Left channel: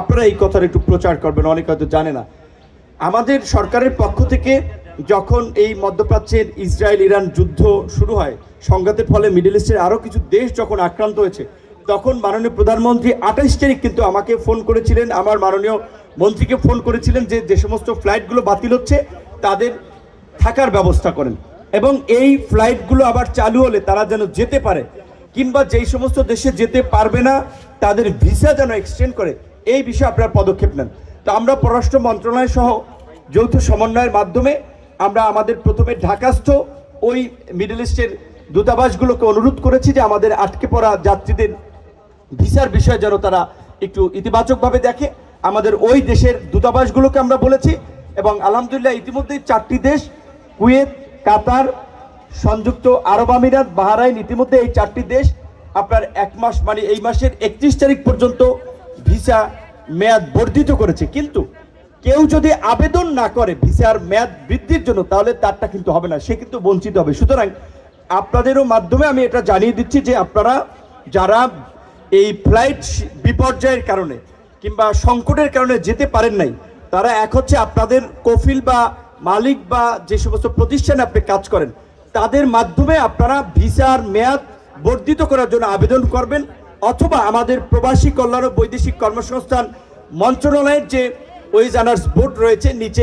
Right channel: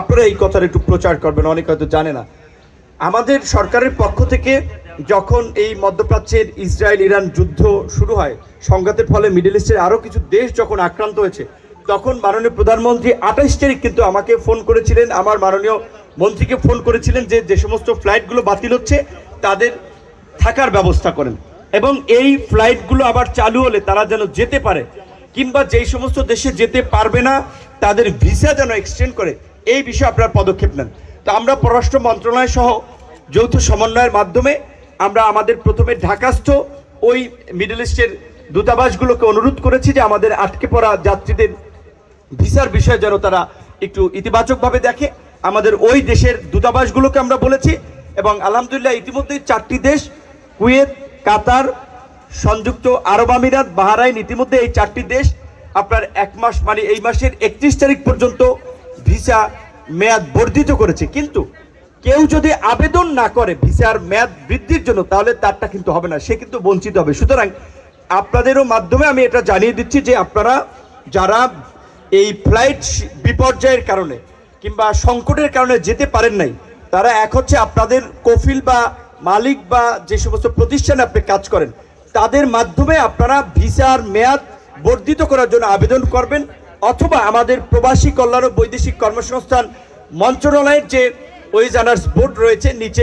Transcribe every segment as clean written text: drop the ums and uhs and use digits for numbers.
আপনারা এই কথাটা একটু প্রচার করবেন, অনেক হয়তো জানে না। আমাদের সরকারের পক্ষ থেকে যখন এই মধ্যপ্রাচ্যের ইসরায়েল ইরান যুদ্ধ শুরু হয়, সংঘাতের ফলে মিডল ইস্টের আরও কিছু দেশ যখন আক্রান্ত হয়েছে, তখন মাননীয় প্রধানমন্ত্রী 28 তারিখ কিন্তু আমাকে ফোন করেছিলেন, আমার মাননীয় মন্ত্রীকে ফোন করেছিলেন যে সমস্ত ফ্লাইটগুলো বাতিল হচ্ছে তাদের থাকার ব্যবস্থা করেন, এবং এই ফ্লাইটগুলো আবার চালু হলে তারা যেন যেতে পারে, কিংবা যেই সমস্ত দেশে যেতে পারবে না তাদের ভিসা যেন এক্সটেন্ড করে, এই বিষয়ে আপনারা পদক্ষেপ নেন। তো আমরা পররাষ্ট্র মন্ত্রণালয় সহ যৌথ সমন্বয়ের মাধ্যমে আমরা আমাদের প্রথমে ঢাকাস্থ ওই মিডল ইস্টের দূতাবাসগুলোকে অনুরোধ করেছি যে আমাদের আটকে পড়া যাত্রীদের ভিসার বিষয়ে যেন তারা একটু ইতিবাচকভাবে দেখে। আমাদের ওই দেশের দূতাবাসগুলোকে আমরা বলেছি, এবং আলহামদুলিল্লাহ ইতিমধ্যেই 4টি দেশ, কুয়েত, কাতার, সংযুক্ত আরব আমিরাত, বাহরাইন, ইতিমধ্যে এই 4টি দেশ আপনার 1 মাস মানে এই মাসের 31 তারিখ পর্যন্ত ভিসা মেয়াদ বর্ধিত করেছে। কিন্তু কেউ যদি আবেদন না করে ভিসার মেয়াদ বৃদ্ধির জন্য, তাহলে তারটা কিন্তু হবে না, সে কিন্তু বঞ্চিত হবে। সুতরাং আপনাদেরও মাধ্যমে আমি এটা জানিয়ে দিচ্ছি যে আপনারা যারা এই ফ্লাইট বিপর্যয়ের কারণে কিংবা সংকটের কারণে যেতে পারেন নাই, তারা এক হচ্ছে আপনাদের কফিল বা মালিক বা যে সমস্ত প্রতিষ্ঠানে আপনি কাজ করেন তাদের মাধ্যমে আপনারা ভিসার মেয়াদ বর্ধিত করার জন্য আবেদন করবেন, অথবা আমাদের প্রবাসী কল্যাণ ও বৈদেশিক কর্মসংস্থান মন্ত্রণালয়ের যে ওয়েজানার্স বোর্ড রয়েছে নিচে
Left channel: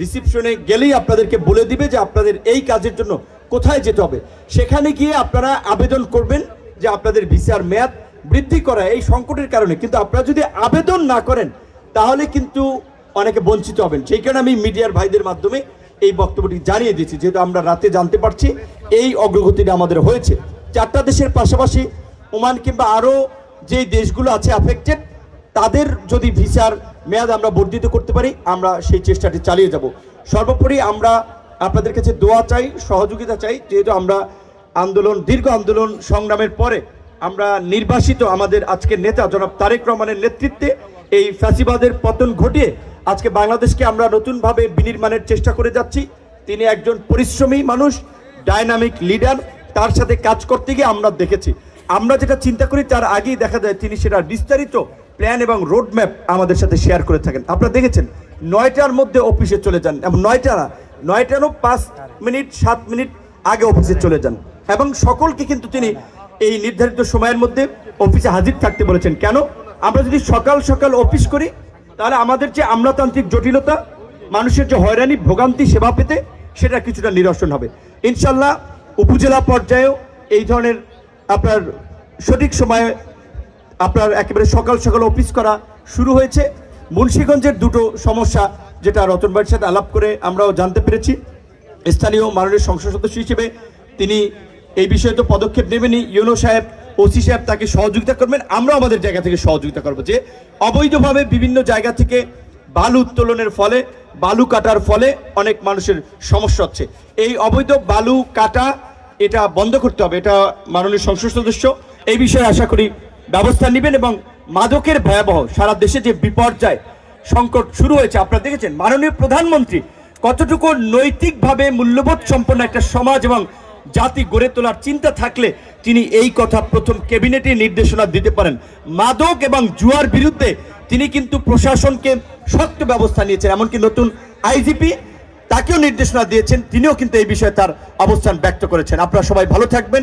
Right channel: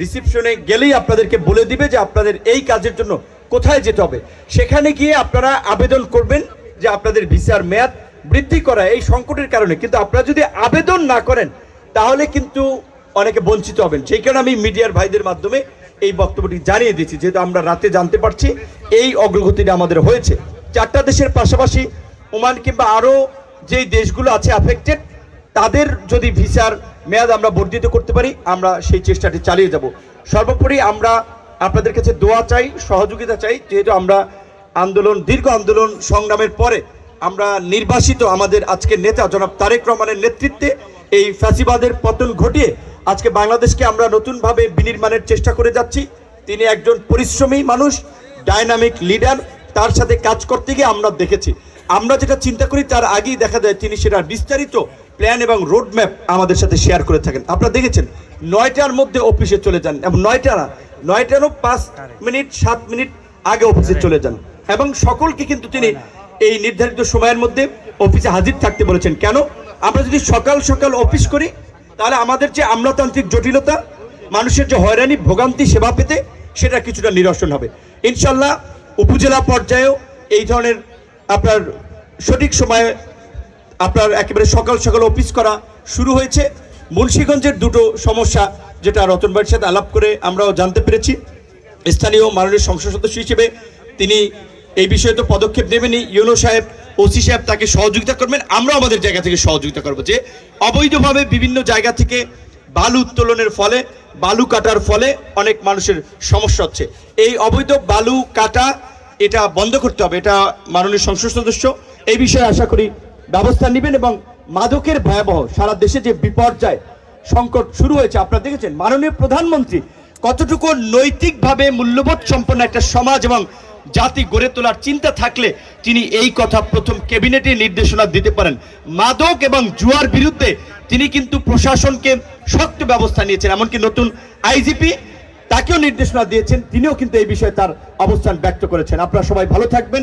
রিসিপশনে গেলেই আপনাদেরকে বলে দিবে যে আপনাদের এই কাজের জন্য কোথায় যেতে হবে, সেখানে গিয়ে আপনারা আবেদন করবেন যে আপনাদের ভিসার মেয়াদ বৃদ্ধি করা এই সংকটের কারণে। কিন্তু আপনারা যদি আবেদন না করেন তাহলে কিন্তু অনেকে বঞ্চিত হবেন। সেই কারণে আমি মিডিয়ার ভাইদের মাধ্যমে এই বক্তব্যটি জানিয়ে দিচ্ছি, যেহেতু আমরা রাতে জানতে পারছি এই অগ্রগতিটা আমাদের হয়েছে। 4টা দেশের পাশাপাশি ওমান কিংবা আরও যেই দেশগুলো আছে অ্যাফেক্টেড, তাদের যদি ভিসার মেয়াদ আমরা বর্ধিত করতে পারি আমরা সেই চেষ্টাটি চালিয়ে যাব। সর্বোপরি আমরা আপনাদের কাছে দোয়া চাই, সহযোগিতা চাই, যেহেতু আমরা দীর্ঘ আন্দোলন সংগ্রামের পরে আমরা নির্বাসিত আমাদের আজকের নেতা জনাব তারেক রহমানের নেতৃত্বে এই ফ্যাসিবাদের পতন ঘটিয়ে আজকে বাংলাদেশকে আমরা নতুনভাবে বিনির্মাণের চেষ্টা করে যাচ্ছি। তিনি একজন পরিশ্রমী মানুষ, ডায়নামিক লিডার, তার সাথে কাজ করতে গিয়ে আমরা দেখেছি, আমরা যেটা চিন্তা করি তার আগেই দেখা যায় তিনি সেটা বিস্তারিত প্ল্যান এবং রোড ম্যাপ আমাদের সাথে শেয়ার করে থাকেন। আপনারা দেখেছেন 9টার মধ্যে অফিসে চলে যান, এবং 9টারও 5 মিনিট 7 মিনিট আগে অফিসে চলে যান, এবং সকলকে কিন্তু তিনি এই নির্ধারিত সময়ের মধ্যে অফিসে হাজির থাকতে বলেছেন। কেন? আমরা যদি সকাল সকাল অফিস করি তাহলে আমাদের যে আমলাতান্ত্রিক জটিলতা, মানুষের যে হয়রানি ভোগান্তি সেবা পেতে, সেটা কিছুটা নিরসন হবে ইনশাল্লাহ। উপজেলা পর্যায়েও এই ধরনের আপনার সঠিক সময়ে আপনার একেবারে সকাল সকাল অফিস করা শুরু হয়েছে। মুন্সিগঞ্জের 2টো সমস্যা যেটা রতন ভাইয়ের সাথে আলাপ করে আমরাও জানতে পেরেছি, স্থানীয় মাননীয় সংসদ সদস্য হিসেবে তিনি এই বিষয়ে তো পদক্ষেপ নেবেনই, ইউনো সাহেব, ওসি সাহেব তাকে সহযোগিতা করবেন, আমরা আমাদের জায়গা থেকে সহযোগিতা করব। যে অবৈধভাবে বিভিন্ন জায়গা থেকে বালু উত্তোলনের ফলে, বালু কাটার ফলে অনেক মানুষের সমস্যা হচ্ছে, এই অবৈধ বালু কাটা এটা বন্ধ করতে হবে। এটা মাননীয় সংসদ সদস্য এই বিষয়ে আশা করি ব্যবস্থা নেবেন। এবং মাদকের ভয়াবহ সারা দেশে যে বিপর্যয় সংকট শুরু হয়েছে, আপনারা দেখেছেন মাননীয় প্রধানমন্ত্রী কতটুকু নৈতিকভাবে মূল্যবোধ সম্পন্ন একটা সমাজ এবং জাতি গড়ে তোলার চিন্তা থাকলে তিনি এই কথা প্রথম ক্যাবিনেটে নির্দেশনা দিতে পারেন। মাদক এবং জুয়ার বিরুদ্ধে তিনি কিন্তু প্রশাসনকে শক্ত ব্যবস্থা নিয়েছেন, এমনকি নতুন আইজিপি তাকেও নির্দেশনা দিয়েছেন, তিনিও কিন্তু এই বিষয়ে তার অবস্থান ব্যক্ত করেছেন। আপনারা সবাই ভালো থাকবেন।